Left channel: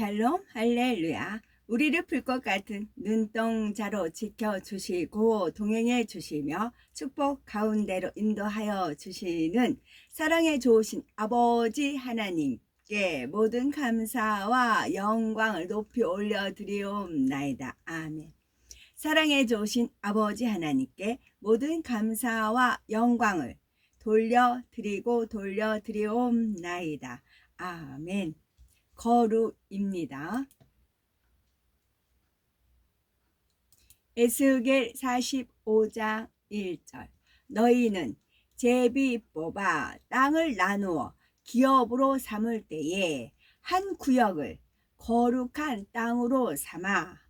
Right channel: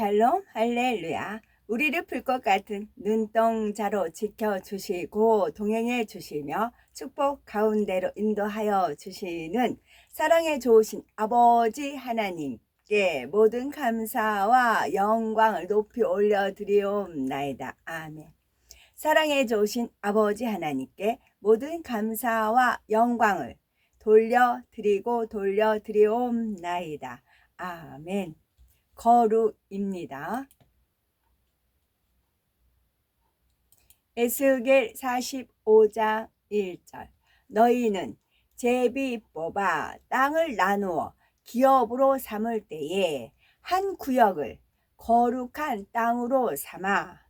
샬롬 할렐루야. 우리를 풀 것 같은 눈동자로 지켜주시고 동행해 주시며 축복 가운데로 인도하여 주시는 사랑에 좋으신 아버지 하나님께 모든 감사와 영광을 높이 올려드리옵나이다. 아멘. 사랑에 좋으신 아버지 하나님께 모든 감사와 영광을 돌려드리옵나이다. 아멘. 거룩입니다. 에스겔 45장 1절. 너희는 제비 뽑아 땅을 나누어 기업으로 삼을 때에 한 구역을 거룩한 땅으로 삼아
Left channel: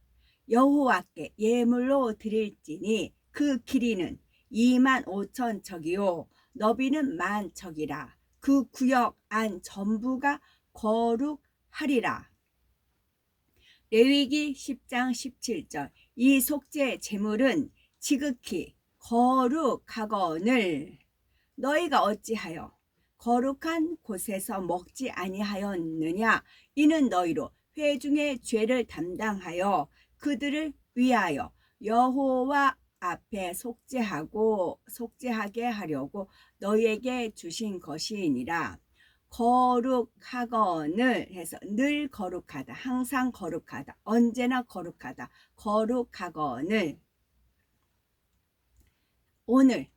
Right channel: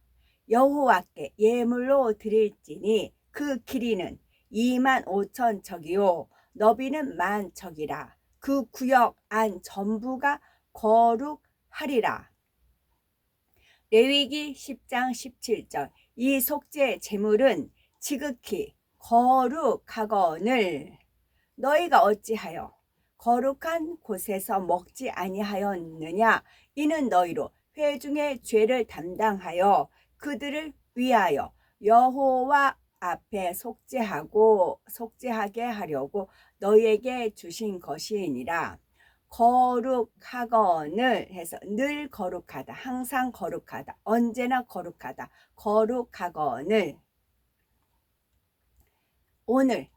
여호와께 예물로 드릴지니 그 길이는 25,000척이요 너비는 10,000척이라. 그 구역 안 전부가 거룩하리라. 레위기 10장 17절. 이 속죄 제물은 지극히 거룩하거늘 너희가 어찌하여 거룩한 곳에서 먹지 아니하였느냐. 이는 너희로 회중의 죄를 담당하여 그들을 위하여 여호와 앞에 속죄하게 하려고 너희에게 주신 것이니라. 거룩하거늘 해서 늘 거룩하다, 항상 거룩하다, 언제나 거룩하다, 거룩하거늘. 오늘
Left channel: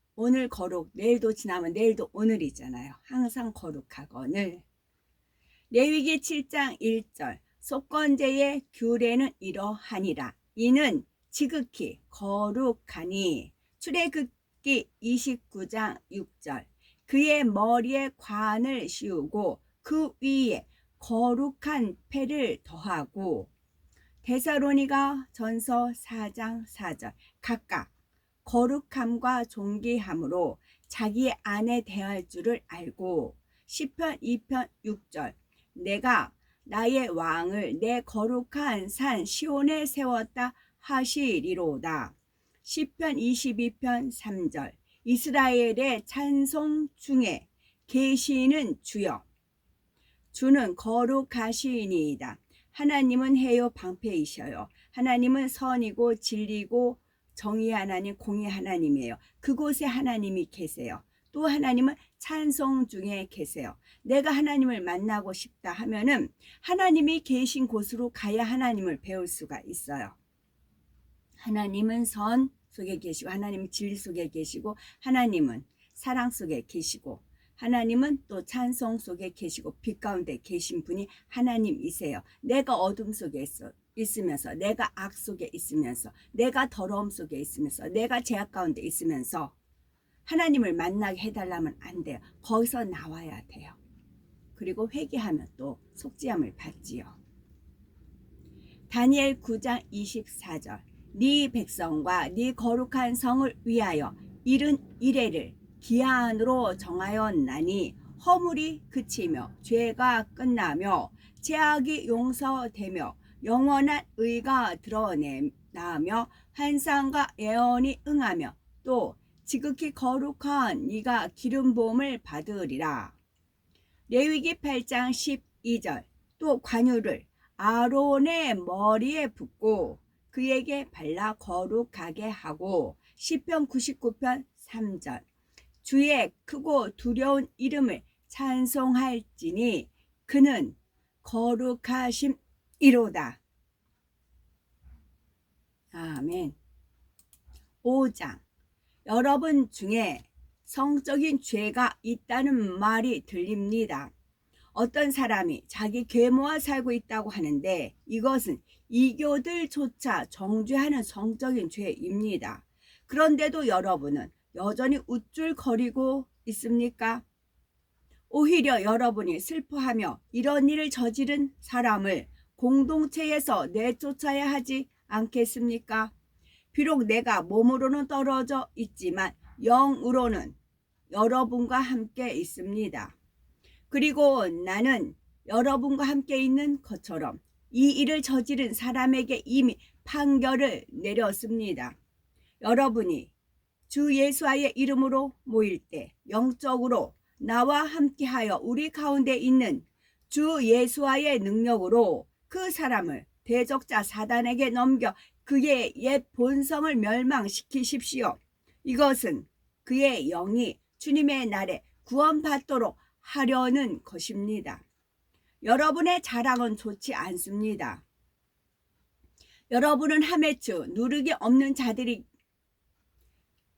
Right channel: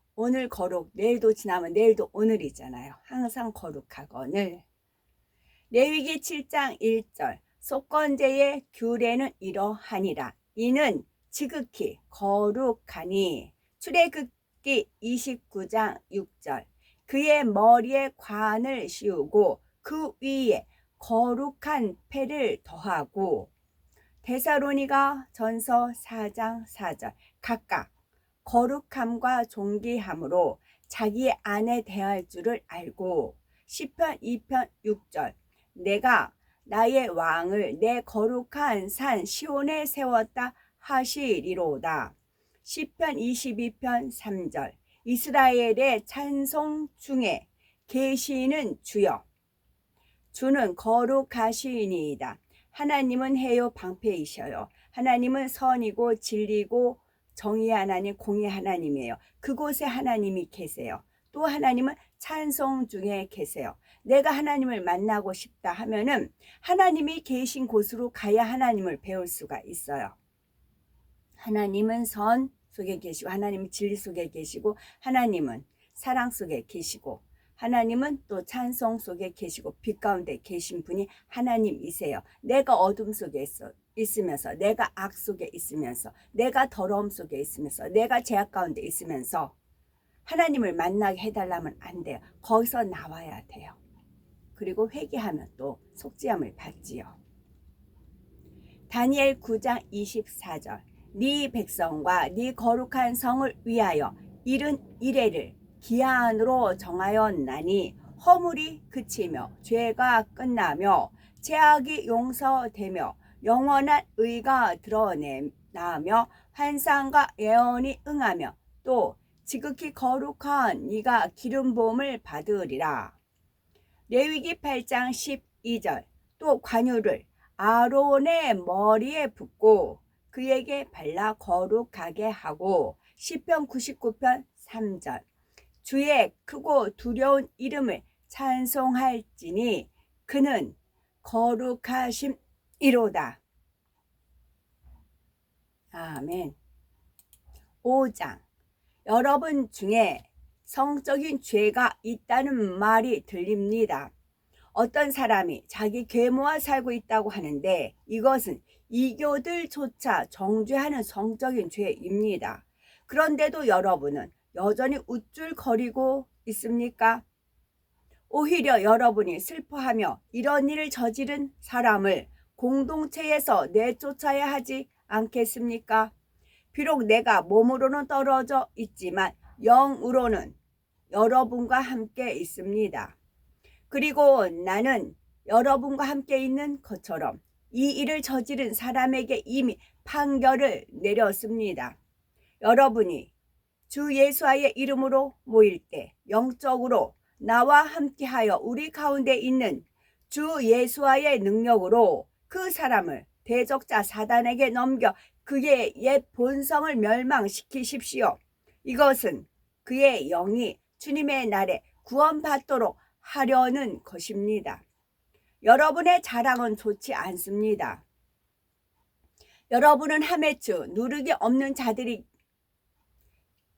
거룩, 내일도 지나면 내일도 오늘이잖아요. 항상 거룩하거늘. 레위기 7장 1절. 속건제의 규례는 이러하니라. 이는 지극히 거룩하니. 출애굽기 29장 6절. 그의 머리에 관을 씌우고 그 위에 거룩한 패를 더하고. 데살로니가 전서 4장 4절. 각각 거룩함과 존귀함으로 자기 안에 대할 줄을 알고. 시편 2편 6절. 내가 나의 왕을 내 거룩한 산 시온에 세웠다 하시리로다. 시편 22편 3절. 이스라엘의 찬송 중에 계시는 주여. 주는 거룩하시니이다. 하나님은 해요 방패이셔요. 하나님은 선이고 진리고 정의 하나님, 공의 하나님이에요. 그곳에 하나님이 계세요. 또 하나님은 찬송 중에 계세요. 내가 하나님을 만나고 싶다 하면은 하나님이 계신 곳으로 가야 하나님을 배울 수가 있어요. 하나님은 선 속에 계시고, 하나님은 진리 속에 계시고, 하나님은 사랑 속에 계시고, 하나님은 또 찬송 속에 계시고, 빛 가운데 계신 분이 하나님이세요. 내가 어둠 속에 있으면서, 내가 악 속에 있으면서, 내가 더러움 속에 있으면서, 내가 죄악 가운데 있으면서 하나님을 만나게 해달라면 안 돼요. 거기서 나와야 돼요. 그리고 회개하면 또 속죄함을 받지요. 다니엘 9장 24절. 네 백성과 네 거룩한 성을 위하여 이른 이래를 기한으로 정하였나니 허물이 그치며 죄가 끝나며 죄악이 용서되며 영원한 의가 드러나며 환상과 예언이 응하며 또 지극히 거룩한 네가 기름 부음을 받으리라. 레위기 8장 12절. 또 관유를 아론의 머리에 붓고 그에게 발라 거룩하게 하고. 시편 99편 3절. 주의 크고 두려운 이름을 찬송할지니 그는 거룩하심이로다. 아멘. 5장. 여러분 중에 성적인 죄가 있다는 말이 들립니다. 어떤 사람이 자기 계모와 살고 있다고 하는데 이것은 이교들조차 정죄하는 성적인 죄입니다. 그런데도 여러분은 여전히 우쭐거리고 있습니까? 오히려 여러분이 슬퍼하며 이런 일을 저지른 사람을 공동체에서 내쫓아야 하지 않겠습니까? 비록 내가 몸으로는 떨어져 있지만 영으로는 여러분과 함께 있습니다. 그리고 나는 여러분과 함께 있는 것처럼 이 일을 저지른 사람에게 이미 판결을 내렸습니다. 여러분이 주 예수와의 이름으로 모일 때 영적으로 나와 함께하여 우리 가운데 있는 주 예수와의 능력으로 그 사람을 대적자 사단에게 넘겨 그의 옛 본성을 멸망시키십시오. 이것은 그의 영이 주님의 날에 구원받도록 하려는 것입니다. 여러분의 자랑은 좋지 않습니다. 여러분은 하메츠 누르기 없는 자들이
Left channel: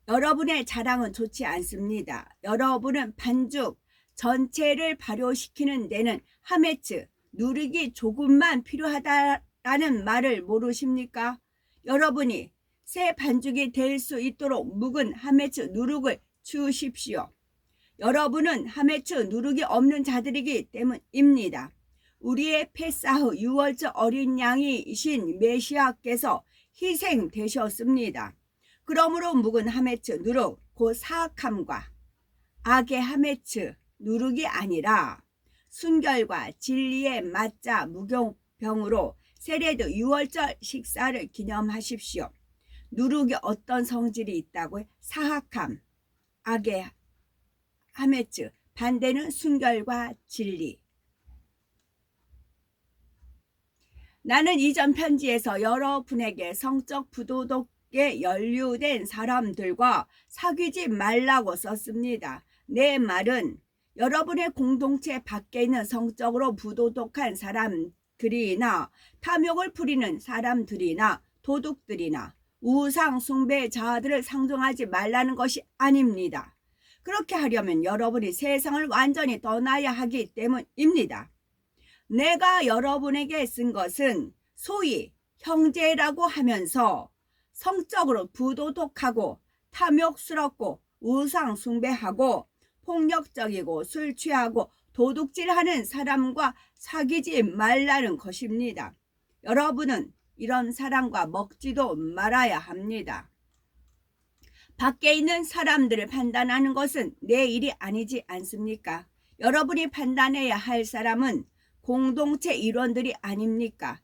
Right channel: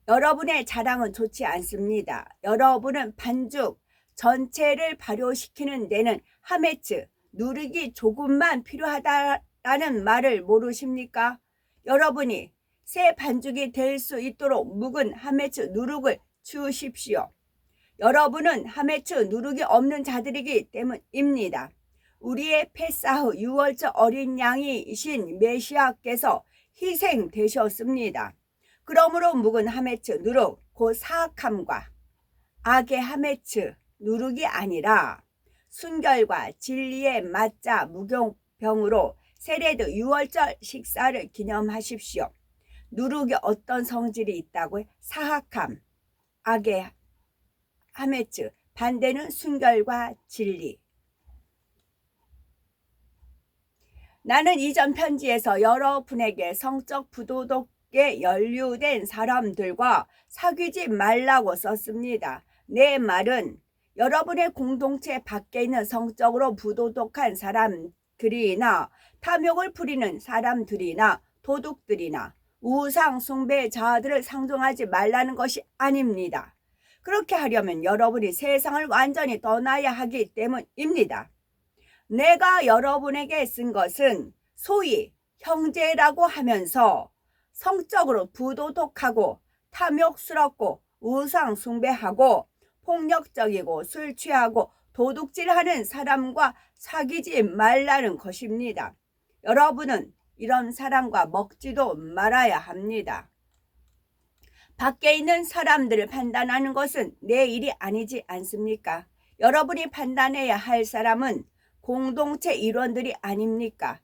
여러분의 자랑은 좋지 않습니다. 여러분은 반죽 전체를 발효시키는 데는 하메츠 누르기 조금만 필요하다라는 말을 모르십니까? 여러분이 새 반죽이 될 수 있도록 묵은 하메츠 누룩을 주십시오. 여러분은 하메츠 누룩이 없는 자들이기 때문입니다. 우리의 페사흐 유월절 어린 양이신 메시아께서 희생되셨습니다. 그러므로 묵은 하메츠 누룩 곧 사악함과 악의 하메츠 누룩이 아니라 순결과 진리의 맞자 무교병으로 세레드 유월절 식사를 기념하십시오. 누룩이 어떤 성질이 있다고요? 사악함, 악의 하메츠, 반대는 순결과 진리. 나는 이전 편지에서 여러분에게 성적 부도덕에 연루된 사람들과 사귀지 말라고 썼습니다. 내 말은 여러분의 공동체 밖에 있는 성적으로 부도덕한 사람들이나 탐욕을 부리는 사람들이나 도둑들이나 우상 숭배자들을 상종하지 말라는 것이 아닙니다. 그렇게 하려면 여러분이 세상을 완전히 떠나야 하기 때문입니다. 내가 여러분에게 쓴 것은 소위 형제라고 하면서 성적으로 부도덕하고 탐욕스럽고 우상 숭배하고 폭력적이고 술 취하고 도둑질하는 사람과 사귀지 말라는 것입니다. 여러분은 이런 사람과 먹지도 말아야 합니다. 밖에 있는 사람들을 판단하는 것은 내 일이 아니지 않습니까? 여러분이 판단해야 할 사람은 공동체 일원들이 아닙니까?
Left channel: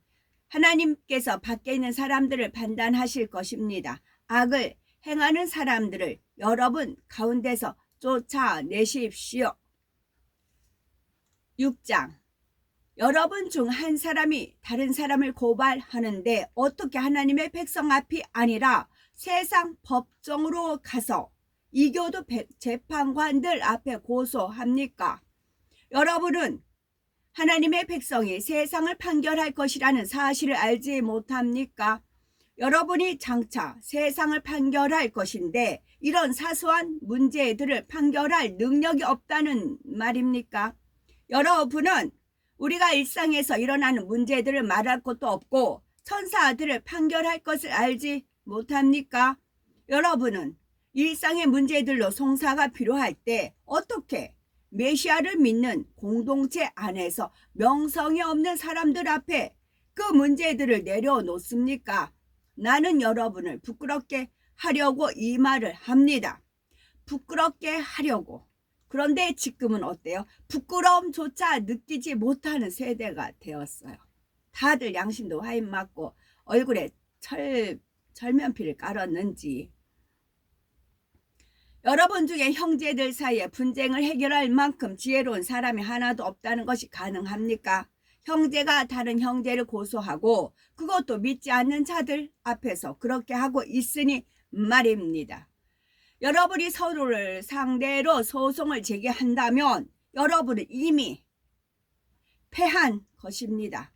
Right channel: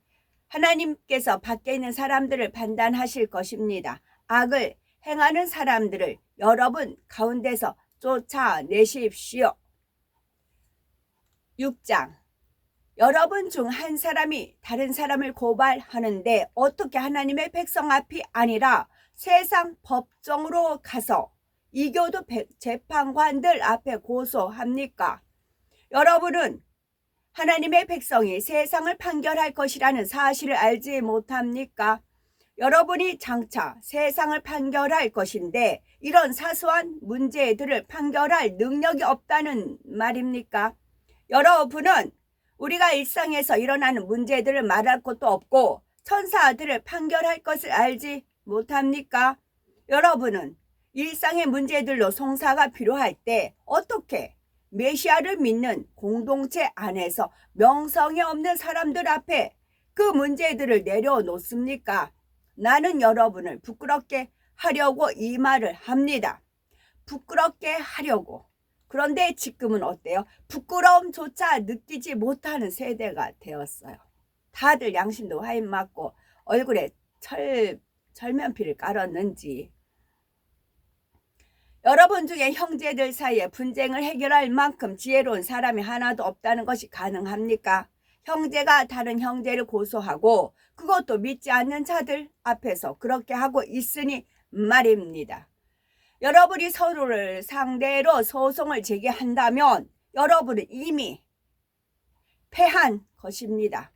하나님께서 밖에 있는 사람들을 판단하실 것입니다. 악을 행하는 사람들을 여러분 가운데서 쫓아내십시오. 6장. 여러분 중 한 사람이 다른 사람을 고발하는데 어떻게 하나님의 백성 앞이 아니라 세상 법정으로 가서 이교도 재판관들 앞에 고소합니까? 여러분은 하나님의 백성이 세상을 판결할 것이라는 사실을 알지 못합니까? 여러분이 장차 세상을 판결할 것인데 이런 사소한 문제들을 판결할 능력이 없다는 말입니까? 여러분은 우리가 일상에서 일어나는 문제들을 말할 것도 없고 천사들을 판결할 것을 알지 못합니까? 여러분은 일상의 문제들로 송사가 필요할 때 어떻게 메시아를 믿는 공동체 안에서 명성이 없는 사람들 앞에 그 문제들을 내려놓습니까? 나는 여러분을 부끄럽게 하려고 이 말을 합니다. 부끄럽게 하려고. 그런데 지금은 어때요? 부끄러움조차 느끼지 못하는 세대가 되었어요. 다들 양심도 화인 맞고 얼굴에 철면피를 깔았는지. 여러분 중에 형제들 사이에 분쟁을 해결할 만큼 지혜로운 사람이 하나도 없다는 것이 가능합니까? 형제가 다른 형제를 고소하고 그것도 믿지 않는 자들 앞에서 그렇게 하고 있으니 말입니다. 여러분이 서로를 상대로 소송을 제기한다면 여러분은 이미 패한 것입니다.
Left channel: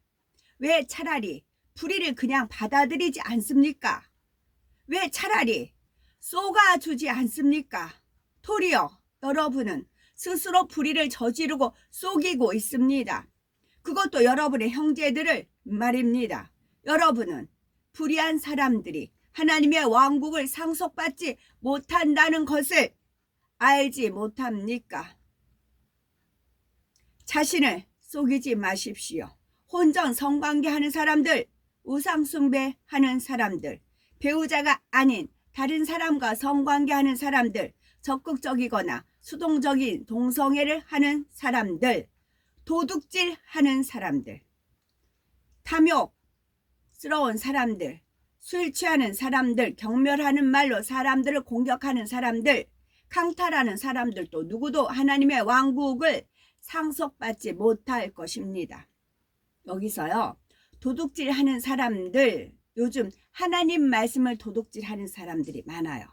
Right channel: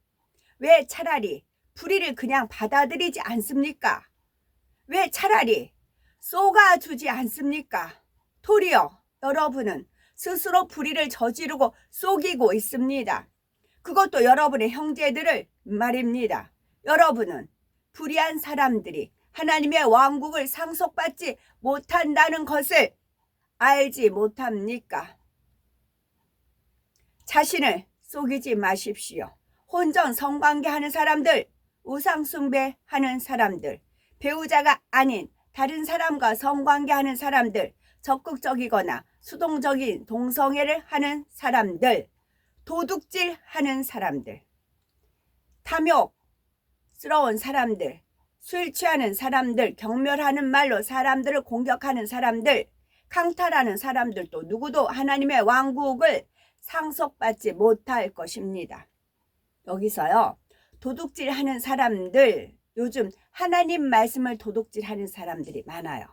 왜 차라리 불의를 그냥 받아들이지 않습니까? 왜 차라리 쏘가주지 않습니까? 도리어 여러분은 스스로 불의를 저지르고 속이고 있습니다. 그것도 여러분의 형제들을 말입니다. 여러분은 불의한 사람들이 하나님의 왕국을 상속받지 못한다는 것을 알지 못합니까? 자신을 속이지 마십시오. 혼전 성관계하는 사람들, 우상숭배하는 사람들, 배우자가 아닌 다른 사람과 성관계하는 사람들, 적극적이거나 수동적인 동성애를 하는 사람들, 도둑질하는 사람들, 탐욕스러운 사람들, 술 취하는 사람들, 경멸하는 말로 사람들을 공격하는 사람들, 강탈하는 사람들도 누구도 하나님의 왕국을 상속받지 못할 것입니다. 여기서요. 도둑질하는 사람들, 요즘 하나님 말씀을 도둑질하는 사람들이 많아요.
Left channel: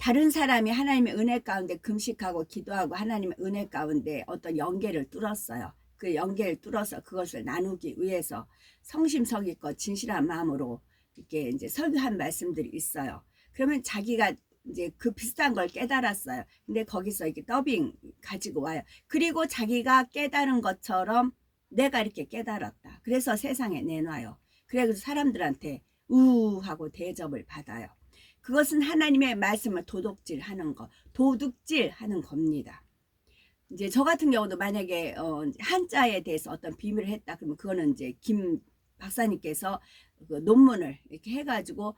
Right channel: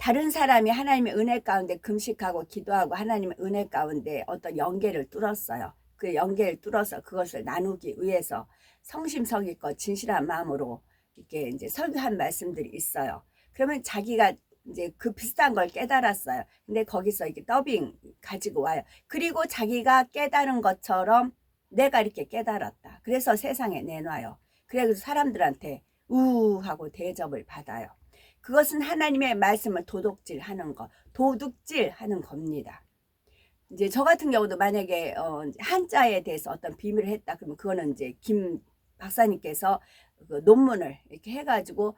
다른 사람이 하나님의 은혜 가운데 금식하고 기도하고 하나님의 은혜 가운데 어떤 연계를 뚫었어요. 그 연계를 뚫어서 그것을 나누기 위해서 성심성의껏 진실한 마음으로 이렇게 이제 설교한 말씀들이 있어요. 그러면 자기가 이제 그 비슷한 걸 깨달았어요. 근데 거기서 이렇게 더빙 가지고 와요. 그리고 자기가 깨달은 것처럼 내가 이렇게 깨달았다. 그래서 세상에 내놔요. 그래서 사람들한테 우하고 대접을 받아요. 그것은 하나님의 말씀을 도둑질하는 것, 도둑질하는 겁니다. 이제 저 같은 경우도 만약에 한자에 대해서 어떤 비밀을 했다 그러면 그거는 이제 김 박사님께서 그 논문을 이렇게 해가지고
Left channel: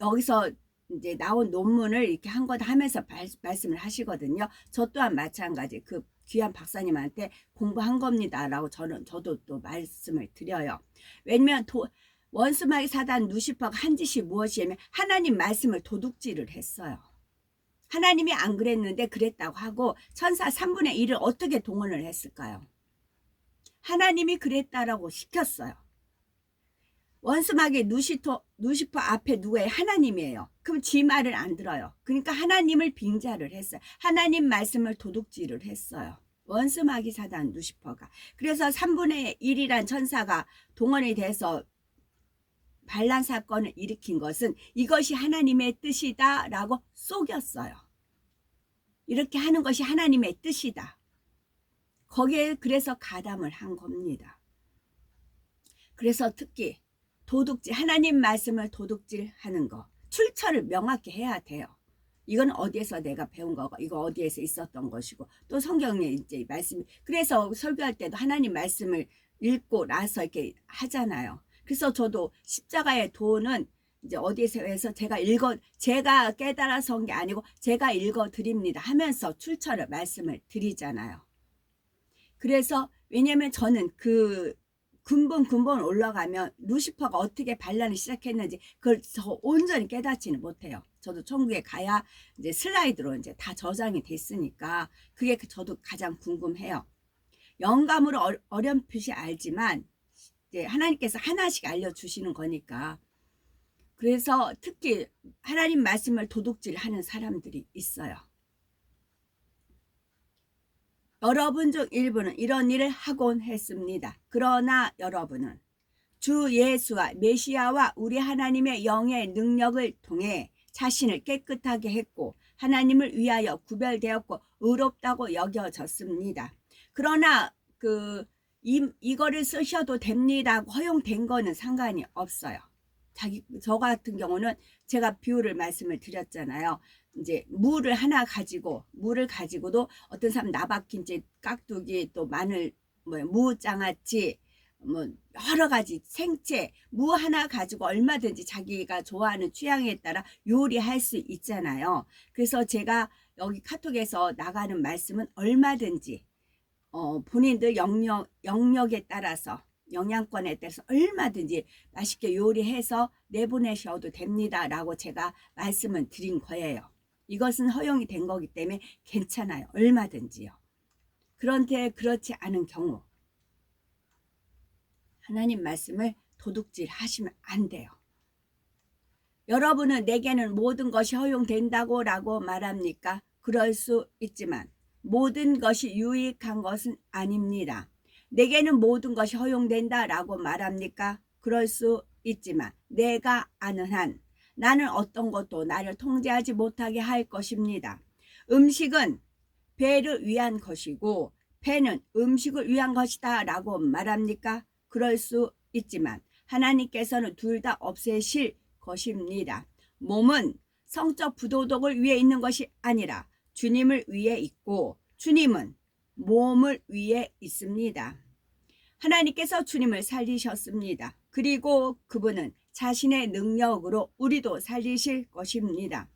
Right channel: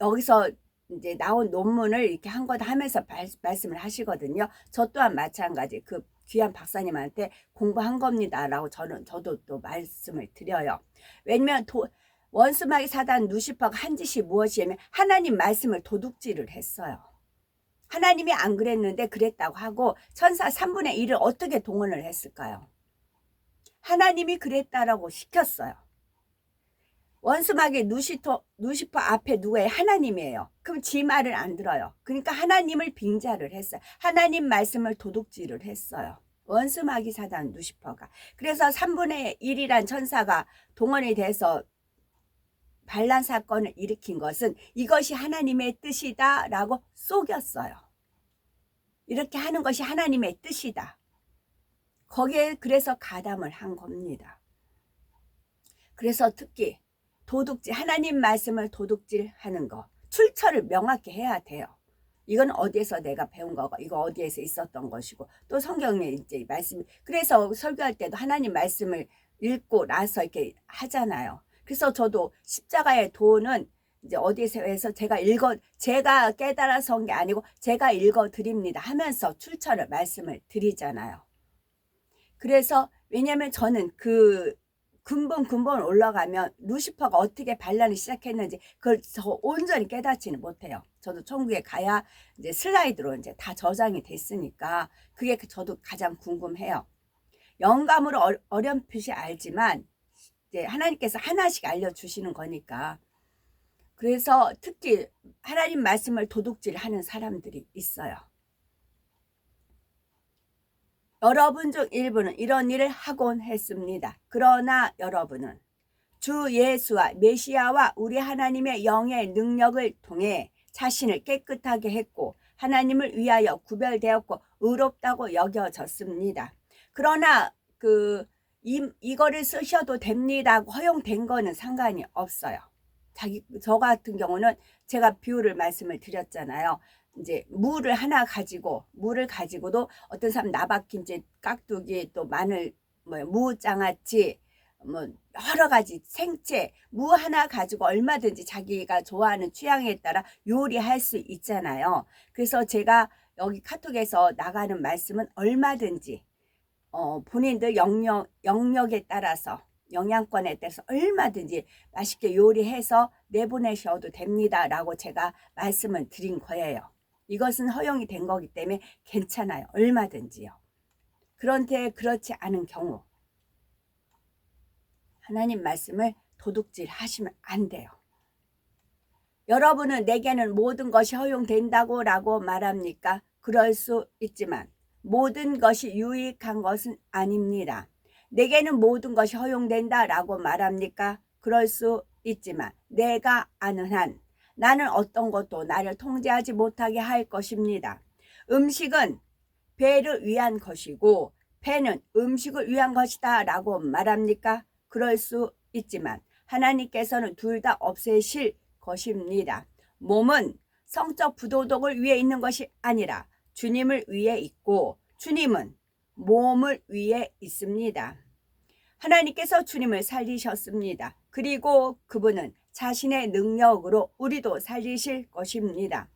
여기서 이제 나온 논문을 이렇게 한 거다 하면서 말씀을 하시거든요. 저 또한 마찬가지 그 귀한 박사님한테 공부한 겁니다라고 저도 또 말씀을 드려요. 왜냐면 원수마귀 사단 루시퍼가 한 짓이 무엇이냐면 하나님 말씀을 도둑질을 했어요. 하나님이 안 그랬는데 그랬다고 하고 천사 3분의 1을 어떻게 동원을 했을까요? 하나님이 그랬다라고 시켰어요. 원수마귀 루시퍼 앞에 누구예요? 하나님이에요. 그럼 지 말을 안 들어요. 그러니까 하나님을 빙자를 했어요. 하나님 말씀을 도둑질을 했어요. 원수마귀 사단 루시퍼가. 그래서 3분의 1이란 천사가 동원이 돼서 반란 사건을 일으킨 것은 이것이 하나님의 뜻이다 라고 속였어요. 이렇게 하는 것이 하나님의 뜻이다. 거기에 그래서 가담을 한 겁니다. 그래서 특히 도둑질, 하나님 말씀을 도둑질하는 거, 출처를 명확히 해야 돼요. 이건 어디에서 내가 배운 거고, 이거 어디에서 있었던 것이고, 또 성경에 이제 말씀이, 그래서 설교할 때도 하나님 말씀을 읽고 나서 이렇게 하잖아요. 그래서 저도 십자가의 도는 이제 어디에서 해서 제가 깨달아서 온 게 아니고 제가 읽어 드립니다 하면서 출처를 말씀을 드리잖아요. 그래서 왜냐면 저는 그 근본 올라가면 루시퍼가 어떻게 반란을 시작했는지 그걸 저 온전히 깨닫지는 못해요. 저도 천국에 가야 이제 슬라이드로 이제 다 저장이 됐으니까 그게 저도 가장 궁금해요. 영감으로 어렴풋이 알지만 이제 하나님께서 하나씩 알려주시는 거니까. 그래서 특히 하나님 말씀을 도둑질하는 사람들이 있어요. 여러분 중 일부는 이런 일을 하곤 했습니다. 그러나 여러분은 주 예수와 메시아와 우리 하나님의 영의 능력을 통해 자신을 깨끗하게 했고 하나님을 위하여 구별되었고 의롭다고 여겨졌습니다. 그러나 이거를 쓰셔도 됩니다. 허용된 거는 상관이 없어요. 저 같은 경우는 제가 비유를 말씀을 드렸잖아요. 이제 물을 가지고도 어떤 사람 나박김치, 깍두기, 또 마늘, 무장아찌, 여러 가지 생채, 무 하나 가지고 얼마든지 자기가 좋아하는 취향에 따라 요리할 수 있잖아요. 그래서 제가 여기 카톡에서 나가는 말씀은 얼마든지 본인들 영역에 따라서 영양권에 따라서 얼마든지 맛있게 요리해서 내보내셔도 됩니다 라고 제가 말씀을 드린 거예요. 이것은 허용이 된 거기 때문에 괜찮아요. 얼마든지요. 그런데 그렇지 않은 경우 하나님 말씀을 도둑질 하시면 안 돼요. 여러분은 내게는 모든 것이 허용된다고 라고 말합니까? 그럴 수 있지만 모든 것이 유익한 것은 아닙니다. 내게는 모든 것이 허용된다 라고 말합니까? 그럴 수 있지만 내가 아는 한 나는 어떤 것도 나를 통제하지 못하게 할 것입니다. 음식은 배를 위한 것이고 배는 음식을 위한 것이다 라고 말합니까? 그럴 수 있지만 하나님께서는 둘 다 없애실 것입니다. 몸은 성적 부도덕을 위해 있는 것이 아니라 주님을 위해 있고 주님은 몸을 위해 있습니다. 하나님께서 주님을 살리셨습니다. 그리고 그분은 자신의 능력으로 우리도 살리실 것입니다.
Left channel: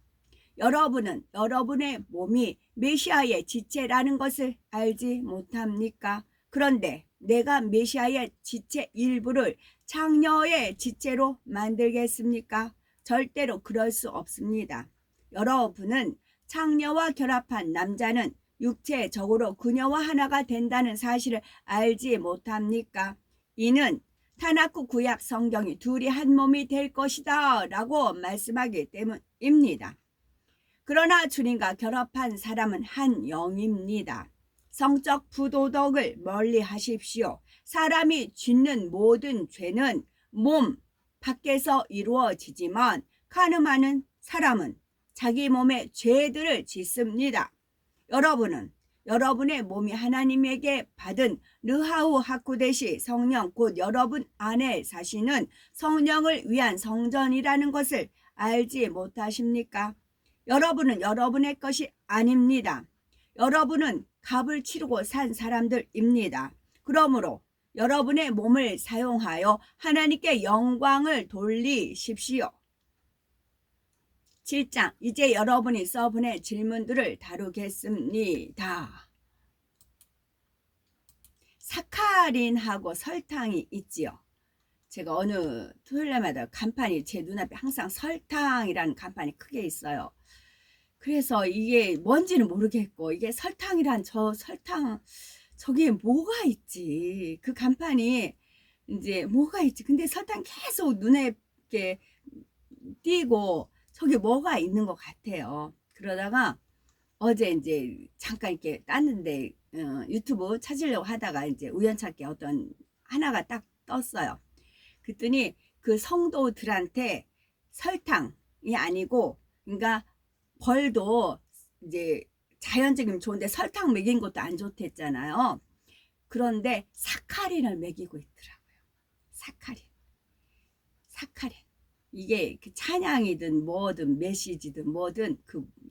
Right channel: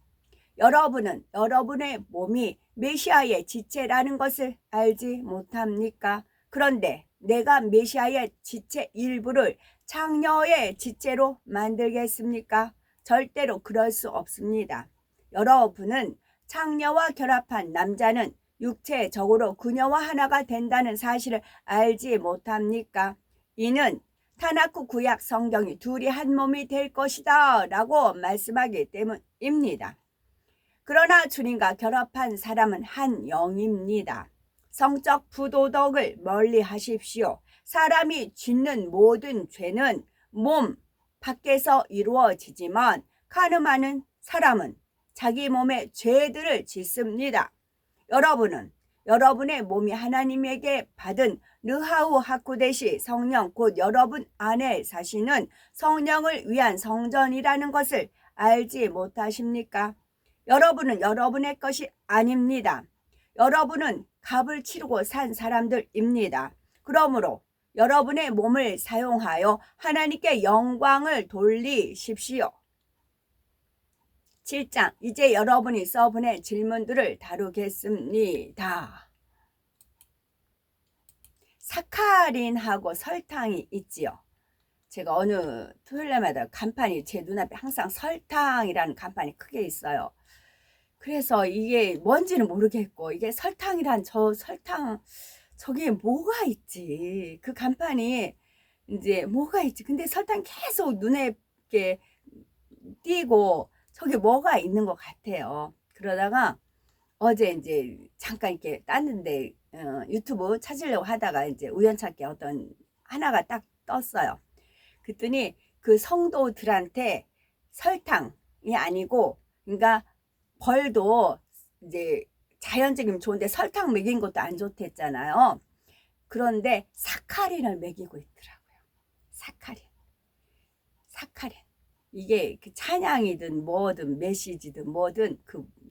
여러분은 여러분의 몸이 메시아의 지체라는 것을 알지 못합니까? 그런데 내가 메시아의 지체 일부를 창녀의 지체로 만들겠습니까? 절대로 그럴 수 없습니다. 여러분은 창녀와 결합한 남자는 육체적으로 그녀와 하나가 된다는 사실을 알지 못합니까? 이는 타나크 구약 성경이 둘이 한 몸이 될 것이다 라고 말씀하기 때문입니다. 그러나 주님과 결합한 사람은 한 영입니다. 성적 부도덕을 멀리 하십시오. 사람이 짓는 모든 죄는 몸 밖에서 이루어지지만 가늠하는 사람은 자기 몸에 죄들을 짓습니다. 여러분은 여러분의 몸이 하나님에게 받은 르하우 하쿠데시 성령 곧 여러분 안에 사시는 성령을 위한 성전이라는 것을 알지 못하십니까? 여러분은 여러분의 것이 아닙니다. 여러분은 값을 치르고 산 사람들입니다. 그러므로 여러분의 몸을 사용하여 하나님께 영광을 돌리십시오. 7장, 이제 여러분이 써보낸 질문들을 다루겠습니다. 사카린하고 설탕이 있지요. 제가 어느 토요일마다 간판이 제 눈앞에 항상 설탕이라는 간판이 크게 있어요. 그래서 이게 뭔지는 모르겠고, 이게 설탕이란 설탕 저게 뭐가 있지? 그 간판이 이제 뭐가 있지? 근데 설탕 계속 눈에 이렇게 띄고 저게 뭐가 있는 것 같아요. 그러다가 어제 이제 잠깐 이렇게 땄는데 유튜브 찾으려고 하다가 이제 우연찮게 어떤 하나가 딱 떴어요. 그랬더니 그 성도들한테 설탕이 아니고, 그러니까 벌도 이제 자연적이면 좋은데 설탕 먹인 것도 안 좋댔잖아요. 그런데 사카린을 먹이고 있더라고요. 사카린. 이게 그 찬양이든 뭐든 메시지든 뭐든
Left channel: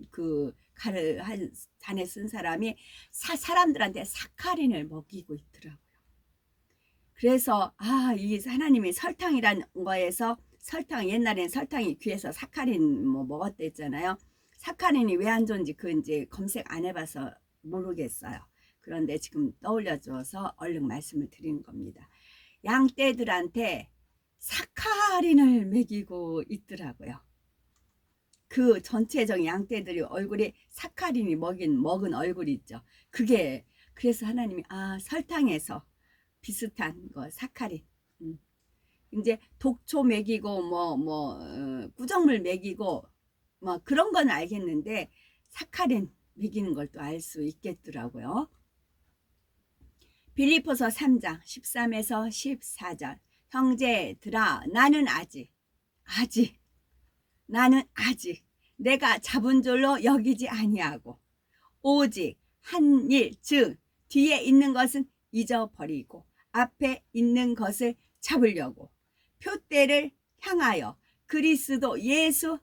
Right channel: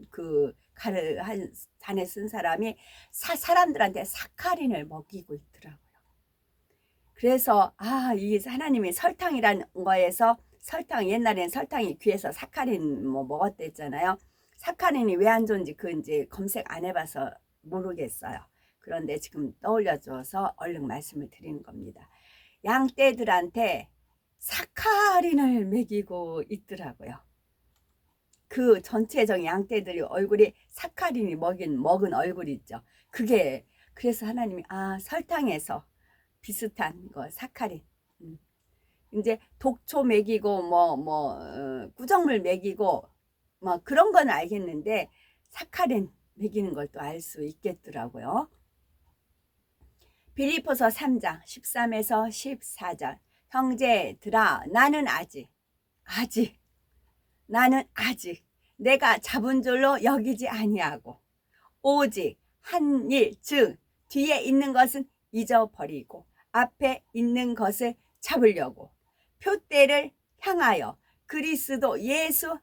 그 가를 한 잔에 쓴 사람이 사람들한테 사카린을 먹이고 있더라고요. 그래서 이 하나님이 설탕이라는 거에서 옛날엔 설탕이 귀에서 사카린 뭐 먹었댔잖아요. 사카린이 왜 안 좋은지 그 이제 검색 안 해봐서 모르겠어요. 그런데 지금 떠올려줘서 얼른 말씀을 드리는 겁니다. 양떼들한테 사카린을 먹이고 있더라고요. 그 전체적인 양떼들이 얼굴이 사카린이 먹은 얼굴이 있죠. 그게 그래서 하나님이 설탕에서 비슷한 거 사카린. 이제 독초 먹이고 구정물 먹이고 뭐 그런 건 알겠는데 사카린 먹이는 걸 또 알 수 있겠더라고요. 빌립보서 3장 13에서 14절. 형제들아, 나는 아직 내가 잡은 줄로 여기지 아니하고 오직 한 일, 즉 뒤에 있는 것은 잊어버리고 앞에 있는 것을 잡으려고 표대를 향하여 그리스도 예수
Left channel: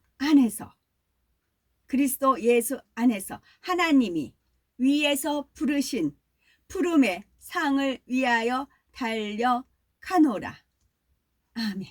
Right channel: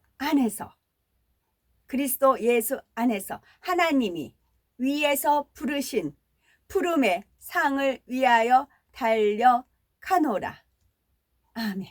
안에서 하나님이 위에서 부르신 푸름의 상을 위하여 달려가노라. 아멘.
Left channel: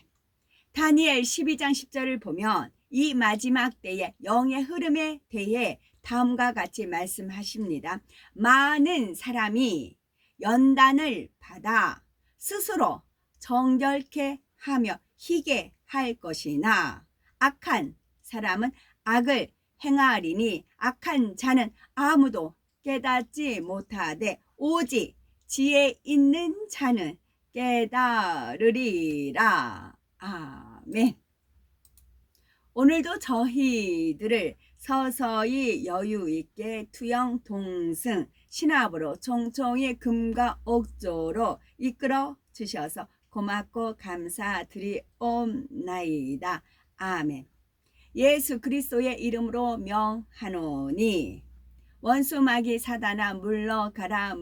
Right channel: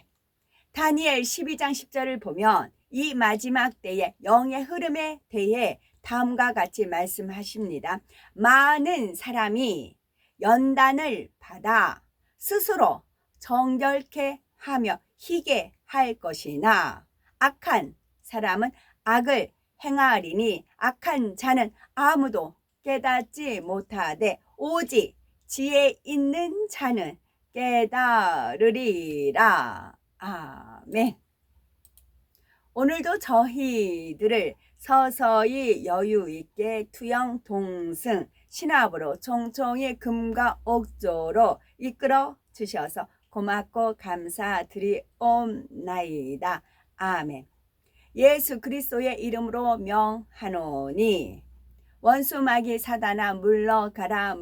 다니엘 12장 10절을 보면 이 마지막 때의 영의 흐름에 대해 다음과 같이 말씀하십니다. 많은 사람이 연단을 받아 스스로 정결케 하며 희게 할 것이나 악한 사람은 악을 행하리니 악한 자는 아무도 깨닫지 못하되 오직 지혜 있는 자는 깨달으리라. 아멘. 오늘도 저희들을 서서히 여유 있게 투영 동승 신압으로 총총히 금과 옥조로 이끌어 주셔서 고맙고 감사드리옵나이다. 아멘. 예수 그리스도의 이름으로 명하노니 원수 마귀 사단아 물러가라.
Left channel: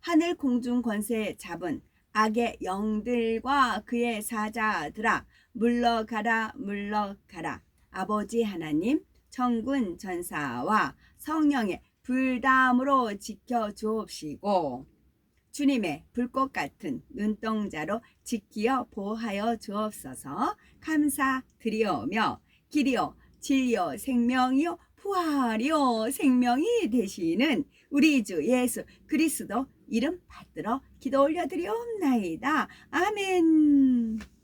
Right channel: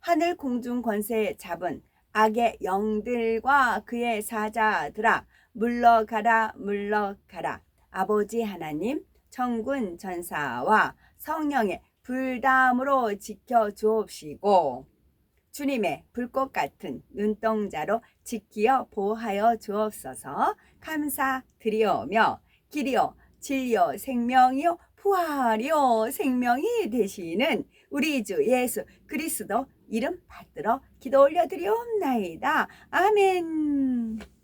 하늘 공중 권세 잡은 악의 영들과 그의 사자들아 물러가라. 아버지 하나님 천군 전사와 성령의 불담으로 지켜주옵시고 주님의 불꽃 같은 눈동자로 지키어 보호하여 주옵소서. 감사드리오며 길이요 진리요 생명이요 부활이요 생명이 되시는 우리 주 예수 그리스도 이름 받들어 기도 올려드리옵나이다. 아멘.